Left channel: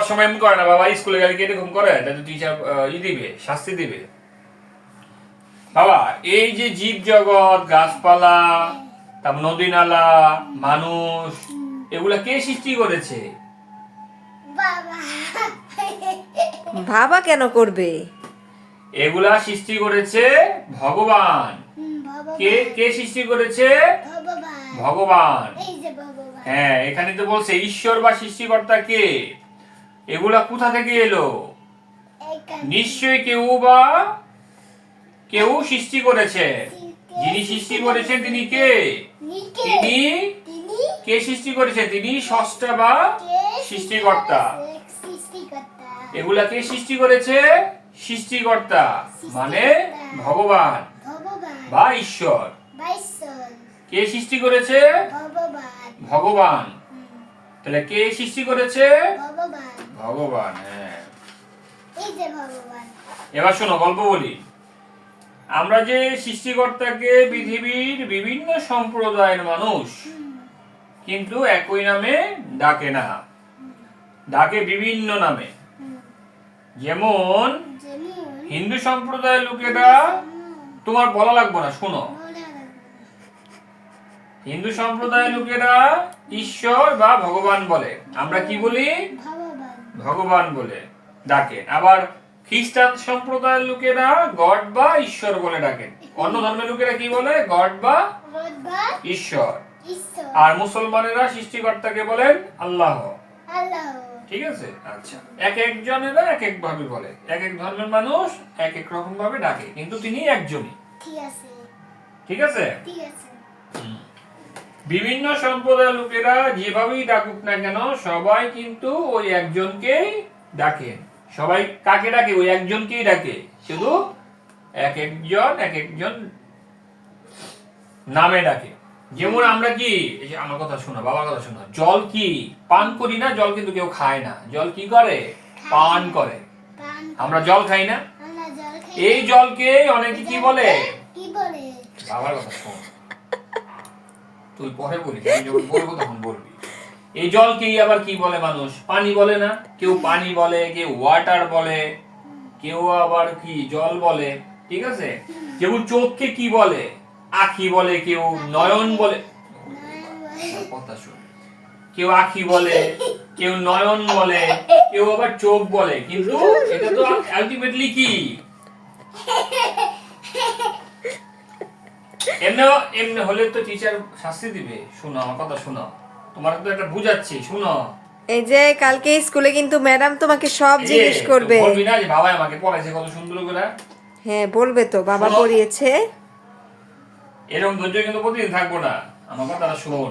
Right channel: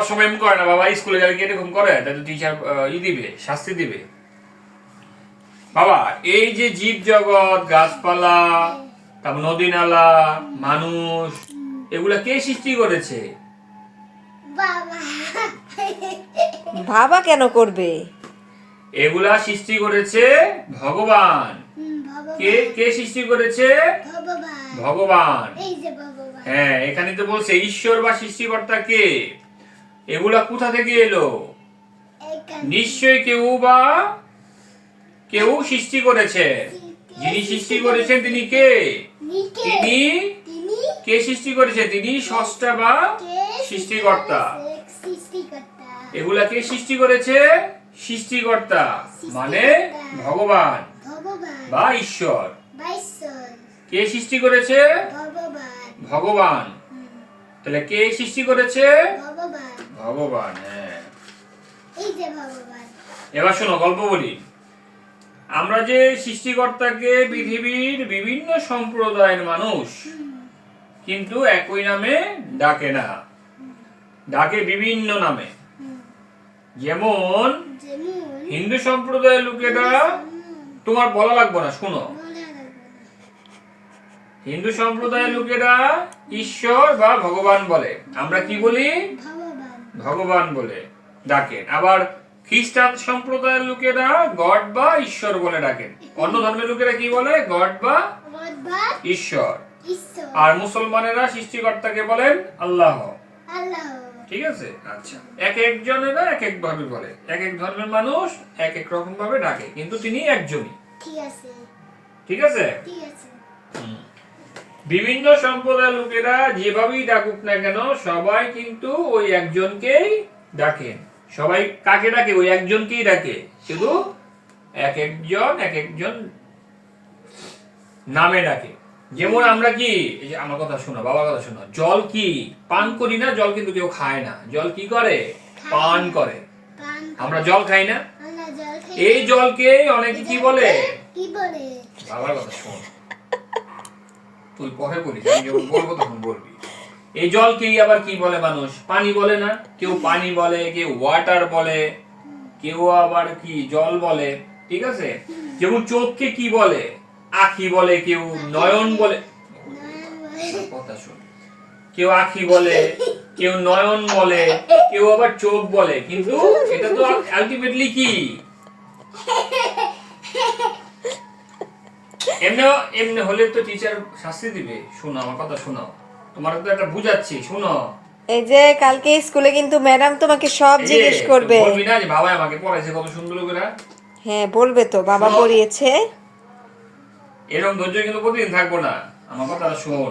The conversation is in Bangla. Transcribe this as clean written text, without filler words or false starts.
যাওয়ার সময় এমন করে না, বাবা স্কুলে গেলে কি এরকম করে? তাহলে টিচার দিবে, শাস্তি দিবে। বাবা এই যে জীব জগৎ, গাছপালা, তারপর নদী নালা, মানুষ, এগুলা কে সৃষ্টি করেছে? বাবা কেন করবে? এগুলা সৃষ্টি করেছে ভগবান। কে কে সৃষ্টি করেছে? ভগবান। হ্যাঁ, এখানে তো বলছে ঈশ্বর বা সৃষ্টিকর্তা কে। এগুলা কোথা থেকে এলো? নিশ্চয়ই কেউ সৃষ্টি করেছে। যিনি সৃষ্টি করেছেন তিনি কে? তিনি কে সৃষ্টি করেছে? তিনি স্রষ্টা বা সৃষ্টিকর্তা। এগুলা কে সৃষ্টি করেছে? সৃষ্টিকর্তা মানে ভগবান বা ঈশ্বর। কে সৃষ্টি করেছে? ভগবান। তাহলে কে সৃষ্টি করেছে? ভগবান। হ্যাঁ, এবার শোনো, গল্প বলি। আমরা যে সৃষ্টিকর্তাকে পৃথিবীর বিভিন্ন সম্প্রদায়ের মানুষ কিন্তু একই নামে ডাকে না, ডাকে বিভিন্ন নামে। যেমন হিন্দু সম্প্রদায়ের লোকেরা, তোমার বলা লাগবে না, শুনো। হিন্দু সম্প্রদায়ের লোকেরা ঈশ্বর বা ভগবান বলে, আমরা কি বলি? ভগবান বলে ডাকেন। আবার খ্রিস্টান সম্প্রদায়ের লোকেরা গড বা ঈশ্বর বলে ডাকেন। অন্য ধর্মের লোকেরা কি বলে? গড বা ঈশ্বর। আর মুসলমানেরা সৃষ্টিকর্তাকে বলেন আল্লাহ। ঠিক আছে, আচ্ছা। এক একজনেরা এক এক ভাবে বলে, এক এক ধর্মের মানুষ এক এক রকম ভাবে ডাকে, কিন্তু তিনি একজনই। ঠিক আছে। বিভিন্ন সম্প্রদায়ের লোকেরা যেভাবেই ডাকুক না কেন, সবাই কিন্তু ওই একজনকেই ডাকে। সবাই কাকে ডাকে? ওই একজনকেই ডাকে, শুধু এক একজন নামে ডাকে। যেমন আমরা কি, এই যে আমার কথা শোনো, বাবার কথা শোনো, জল কি পান করি না? জল কিন্তু কেউ খায় না। জল কি করে? পান করে। আমরা জল খাই না? এই জলকে অনেকে কি বলে? বাবার কথা শোন, তুই পরে বলিস, আমি যখন বলবো তখন বলবি। এই জলকেই আবার কি বলে মানুষ? পানি বলে না? কেউ পানি বলে, কেউ ওয়াটার বলে, কেউ আবার কি জল বলে। ঠিক আছে। যেমন চোখকে কি বলে? আখি বলে, কেউ নয়ন বলে। কথা শুন, কেউ আখি বলে, কেউ নয়ন বলে, কেউ আবার চোখ বলে, কিন্তু এটা তো আলটিমেটলি কি? এমনি হলে তো টিচার শাস্তি দিবে। শোনো আমার কথা, শোনো, তোমার তো একটা বুঝাচ্ছি, শোনো। এই যে কালকে স্কুলে কিন্তু ম্যাডাম তোমাকে সব জিজ্ঞেস করবে। বলবি না যে বাবা আমাকে পড়াইছে কত সুন্দর করে? হ্যাঁ, বলবে তো, বাবা পড়িয়েছে। এরকম ধৈর্য কিন্তু প্রতিদিন থাকবো না, আমার কথাটা শোন।